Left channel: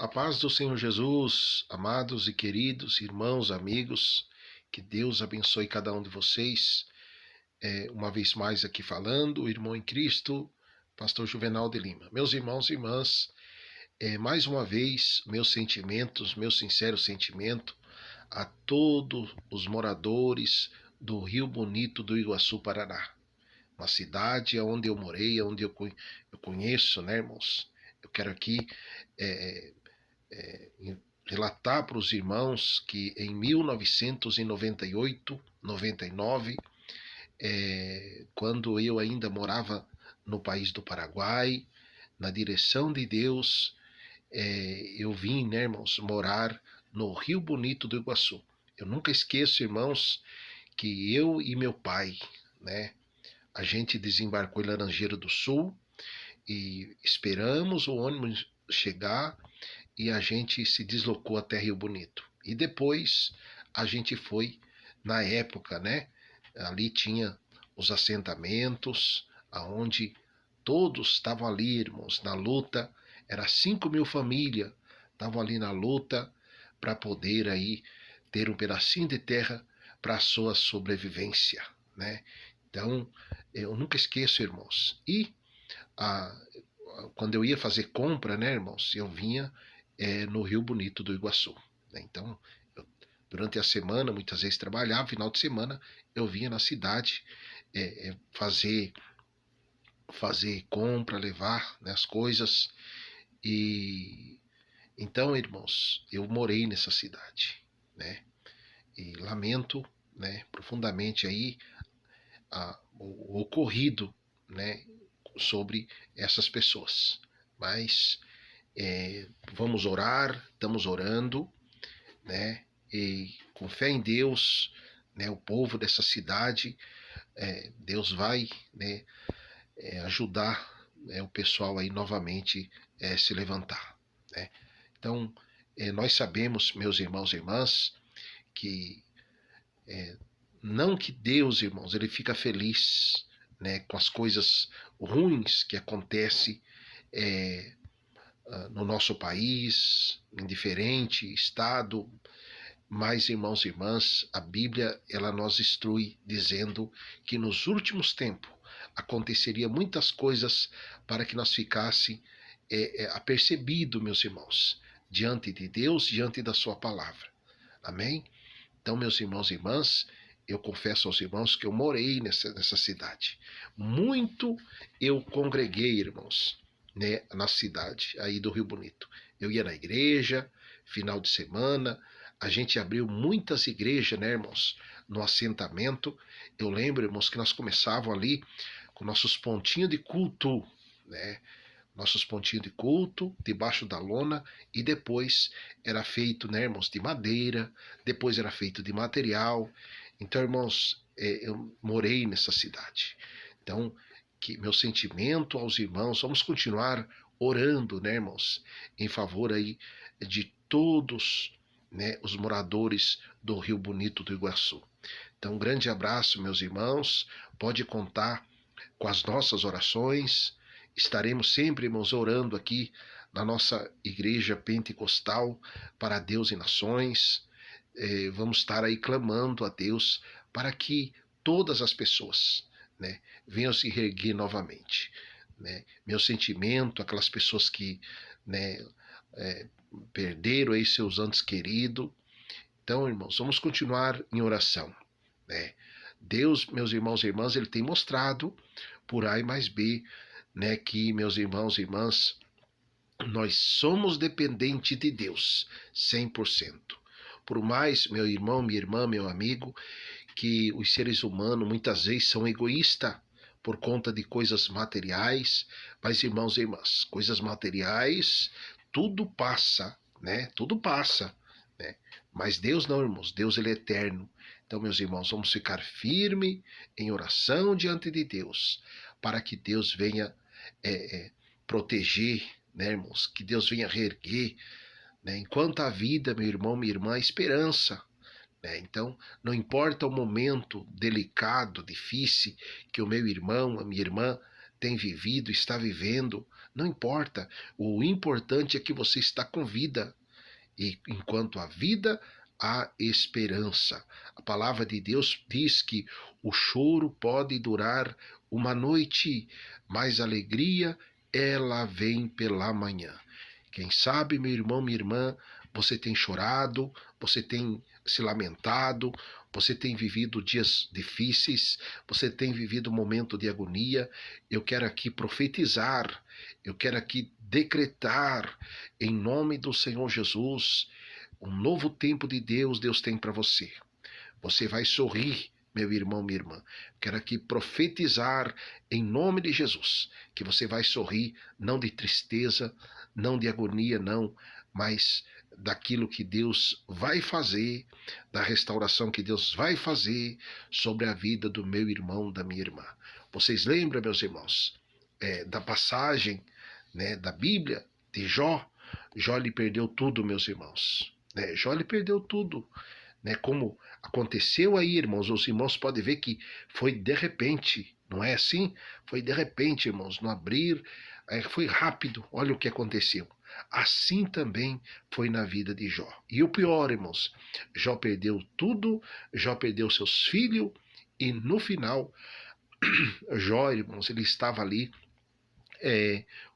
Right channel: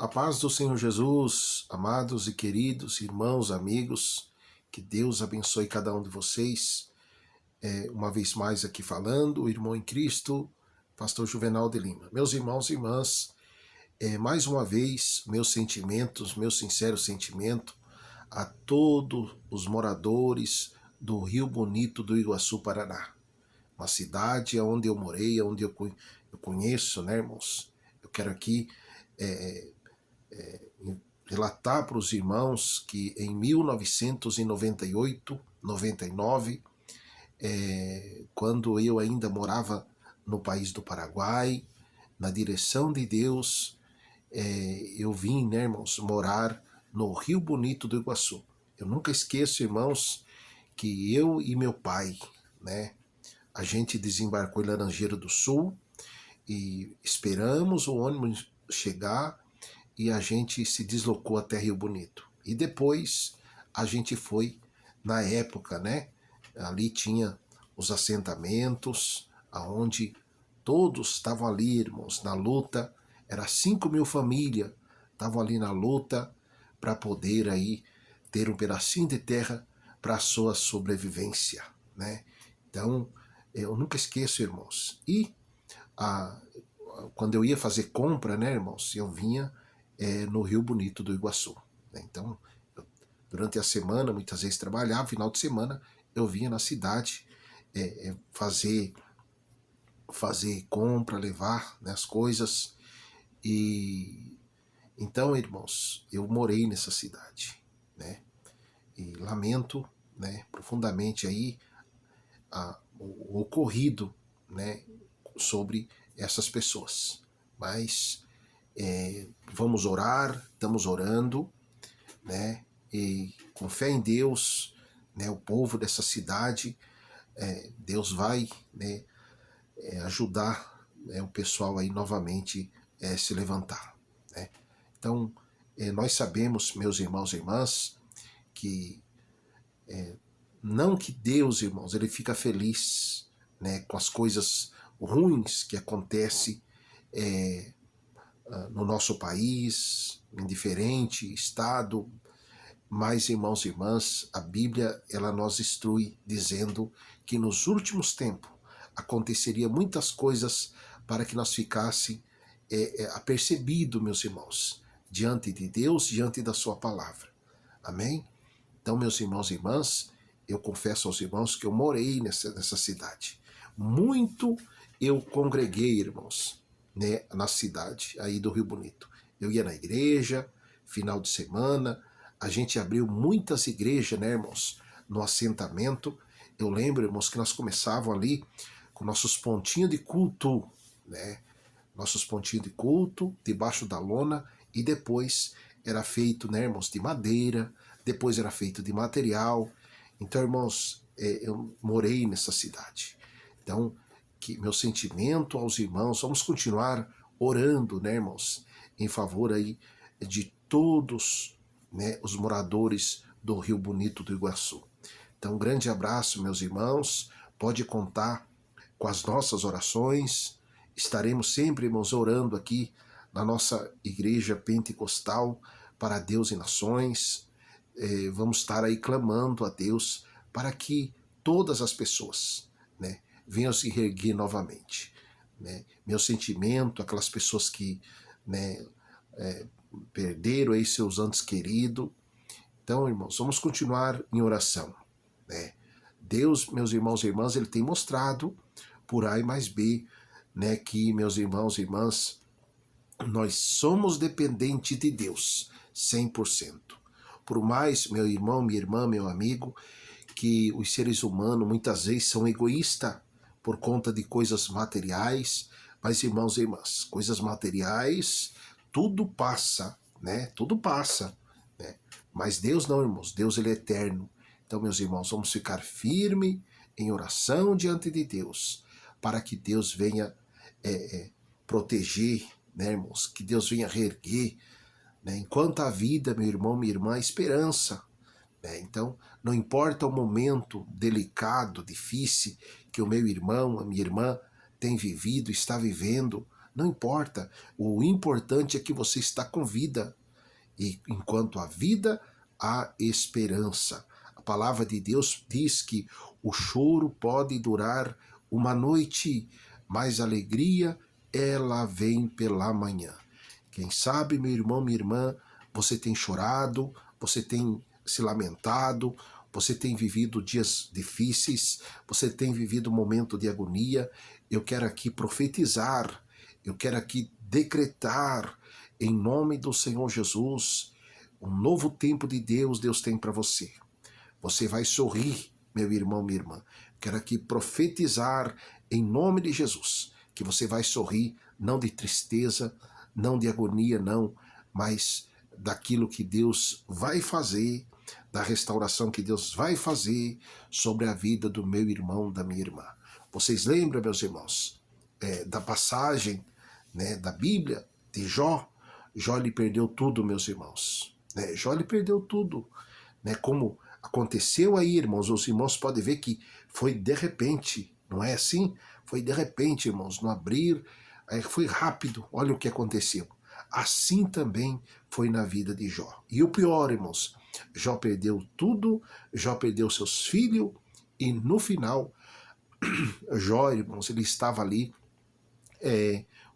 A paz do Senhor Jesus, amados e queridos irmãos, amigos, que Deus abençoe cada um de vocês. Uma vez mais aqui falando, o irmão em Cristo, pastor Juvenal de Lima. Meus irmãos e irmãs, mais uma vez, meus sentimentos, meu sincero sentimento a todos os moradores do Rio Bonito do Iguaçu, Paraná. Uma cidade onde eu morei, onde eu conheço, né, irmãos? Eu quero aqui relatar para os irmãos que em 1998, 99, quando eu ainda morava no país do Paraguai, na direção de Deus, eu vim, né, irmãos, morar no Rio Bonito do Iguaçu. Eu nunca esqueço, irmãos, que eu e meu pai, né, a gente desembarcou em Laranjeira do Sul e esperamos o ônibus chegar e a gente se deslocou até Rio Bonito. E depois a gente foi, na época, né? Ali tinha os assentamentos, aonde todos estavam ali, irmãos, na luta. Era 5.000 famílias, estavam ali na luta para poder aí ter um pedacinho de terra para a sua sobrevivência, né? Então, eu nunca esqueço, irmãos. E quando eu ia fazer compra, né, irmãos, eu vinha no Rio Bonito do Iguaçu. Né? Então, durante a semana, muitas vezes trabalhava, final de semana, eu vinha na cidade fazer compra, levar, né, as coisas. E então, irmãos, eu morei nessa cidade, né? E lamento, né, profundamente aí o ocorrido, né, sobre essas pessoas. Mas vamos orar, estamos orando, né? E com fé em Deus, né, o povo dessa cidade, Deus vai, né, ajudar, o pessoal aí novamente se levantar, né? Então, nós sabemos, meus irmãos e irmãs, que não que Deus, irmãos, ele fica feliz, né, com as coisas ruins que acontecem no nosso país, em diferente estado, mas, irmãos e irmãs, a Bíblia ela nos instrui dizendo que nos últimos tempos aconteceria muitas coisas para que nós ficasse apercebido, meus irmãos, diante de Deus, diante da sua palavra. Amém? Então, meus irmãos e irmãs, eu confesso aos irmãos que eu morei nessa cidade. Muito eu congreguei, irmãos, né, na cidade aí do Rio Bonito. Eu ia na igreja, final de semana, a gente abriu muitas igrejas, né, irmãos, no assentamento. Eu lembro, irmãos, que nós começávamos ali com nossos pontinhos de culto, né? Nossos pontinhos de culto, debaixo da lona, e depois era feito, né, irmãos, de madeira, depois era feito de material. Então, irmãos, eu morei nessa cidade. Então, que meu sentimento aos irmãos, vamos continuar orando, né, irmãos, em favor aí de todos, né, os moradores do Rio Bonito do Iguaçu. Então, um grande abraço, meus irmãos, pode contar com as nossas orações. Estaremos sempre, irmãos, orando aqui na nossa igreja pentecostal para Deus e nações. Vamos estar aí clamando a Deus para que todas as pessoas, né, venham se reerguer novamente. Né? Meu sentimento, aquelas pessoas que, né, perderam aí seus entes queridos. Então, irmãos, vamos continuar em oração. Né? Deus, meus irmãos e irmãs, ele tem mostrado por A e mais B, né, que, meus irmãos e irmãs, nós somos dependentes de Deus, 100%. Por mais, meu irmão, minha irmã, meu amigo, que os seres humanos muitas vezes são egoístas por conta de coisas materiais, mas, irmãos e irmãs, coisas materiais, tudo passa, né? Tudo passa, né? Mas Deus não, irmãos, Deus ele é eterno. Então, meus irmãos, vamos ficar firme em oração diante de Deus, para que Deus venha proteger, né, irmãos? Que Deus venha reerguer, né? Enquanto a vida, meu irmão, minha irmã, esperança. Né? Então, não importa o momento delicado, difícil que o meu irmão, a minha irmã tem vivido, está vivendo, não importa. O importante é que você está com vida. E enquanto há vida, há esperança. A palavra de Deus diz que o choro pode durar uma noite, mas a alegria, ela vem pela manhã. Quem sabe, meu irmão, minha irmã, você tem chorado, você tem se lamentado, você tem vivido dias difíceis, você tem vivido um momento de agonia. Eu quero aqui profetizar, eu quero aqui decretar, em nome do Senhor Jesus, um novo tempo de Deus, Deus tem para você. Você vai sorrir, meu irmão, minha irmã. Quero aqui profetizar em nome de Jesus, que você vai sorrir, não de tristeza, não de agonia, não, mas daquilo que Deus vai fazer, da restauração que Deus vai fazer sobre a vida do meu irmão, da minha irmã. Vocês lembram, meus irmãos, da passagem, né, da Bíblia de Jó? Jó lhe perdeu tudo, meus irmãos. Jó lhe perdeu tudo. Como aconteceu aí, irmãos, os irmãos podem ver que foi de repente, não é assim? Foi de repente, irmãos, no abrir, foi rápido, olha o que aconteceu. Assim também foi na vida de Jó. E o pior, irmãos, Jó perdeu tudo, Jó perdeu seus filhos, e no final, Jó, irmãos, ele estava ali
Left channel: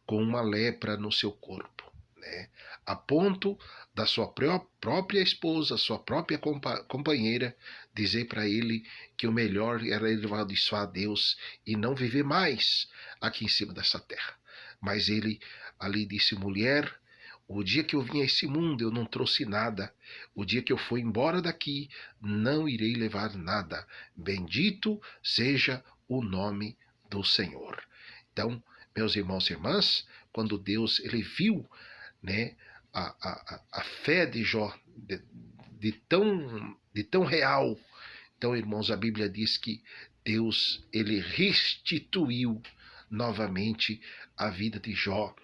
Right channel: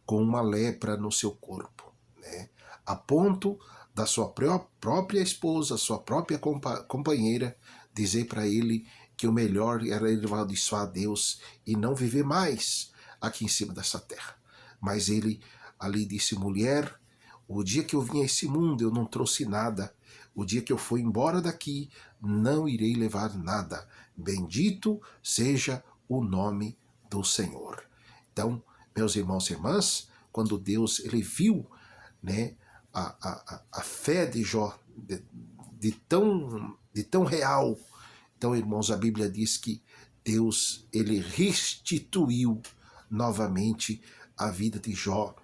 com uma lepra no seu corpo, né? A ponto da sua própria esposa, sua própria companheira, dizer para ele que o melhor era ele amaldiçoar a Deus e não viver mais aqui em cima dessa terra. Mas ele ali disse: mulher, o dia que eu vim a esse mundo eu não trouxe nada. O dia que eu for embora daqui, não irei levar nada. Bendito seja o nome do Senhor. Então, meus irmãos e irmãs, quando Deus ele viu, né, a fé de Jó de tão real, então, irmãos, a Bíblia diz que Deus ele restituiu novamente a vida de Jó,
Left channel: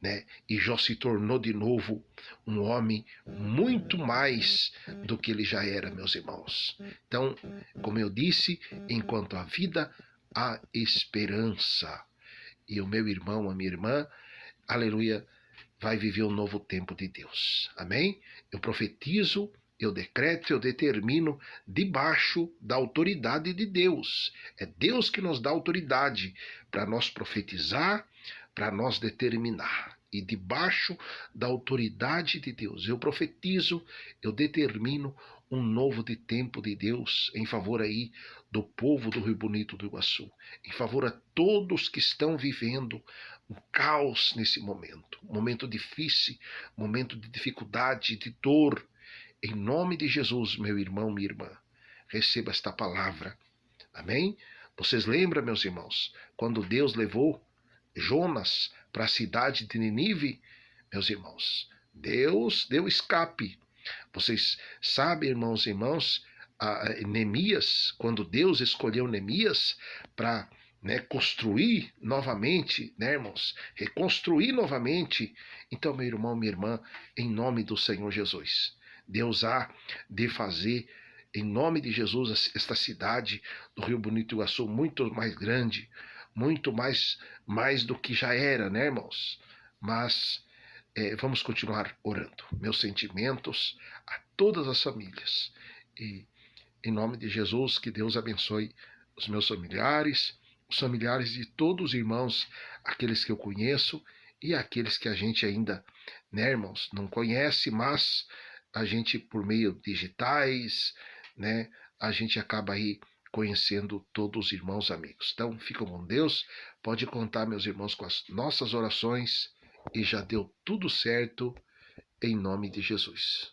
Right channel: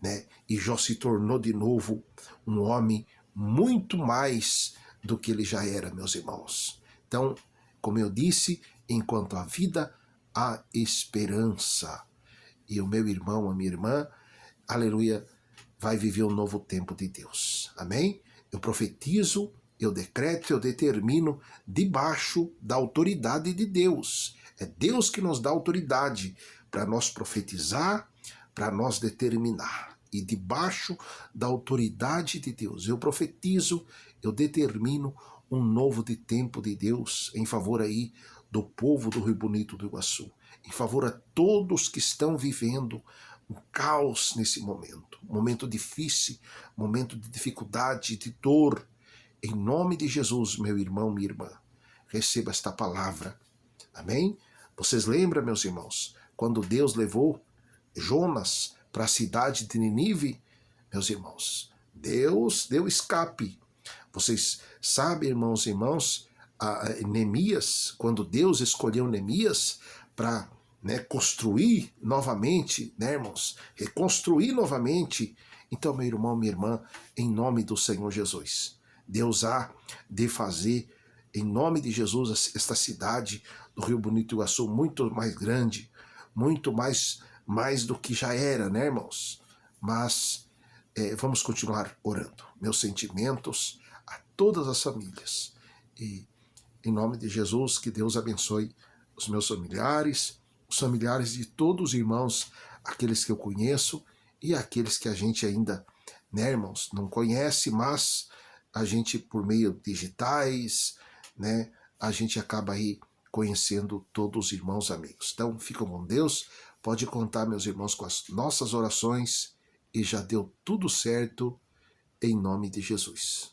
né? E Jó se tornou de novo um homem muito mais do que ele já era, meus irmãos. Então, como eu disse, enquanto há vida, há esperança. E o meu irmão, a minha irmã, aleluia, vai viver um novo tempo de Deus. Amém? Eu profetizo, eu decreto, eu determino debaixo da autoridade de Deus. É Deus que nos dá autoridade para nós profetizar, para nós determinar. E debaixo da autoridade de Deus, eu profetizo, eu determino um novo tempo de Deus em favor aí do povo do Rio Bonito do Iguaçu, em favor a todos que estão vivendo um caos nesse momento, momento difícil, momento de dificuldade, de dor. Em nome de Jesus, meu irmão, minha irmã, receba esta palavra. Amém? Vocês lembram, meus irmãos, quando Deus levou Jonas para a cidade de Nínive? Meus irmãos, Deus deu escape. Vocês sabem, irmãos e irmãs, Neemias, quando Deus escolheu Neemias para construir novamente, irmãos, reconstruir novamente. Então, meu irmão, minha irmã, em nome do Senhor Jesus, Deus há de fazer, em nome de Jesus, esta cidade do Rio Bonito do Iguaçu muito mais grande, muito mais do que já era, né, irmãos? Mas vamos continuar orando. Meus sentimentos a todas as famílias. E em nome de Jesus, que Deus abençoe os meus familiares, os familiares de todos os irmãos, aqueles que eu conheço e aqueles que a gente ainda, né, irmãos, não conhece, mas a gente, por meio digitais, né, a gente acaba aí conhecendo todos os irmãos amigos. Então, ficam com Deus, pode contar, meus irmãos, com as nossas orações, e já deu tudo certo, em nome de Jesus.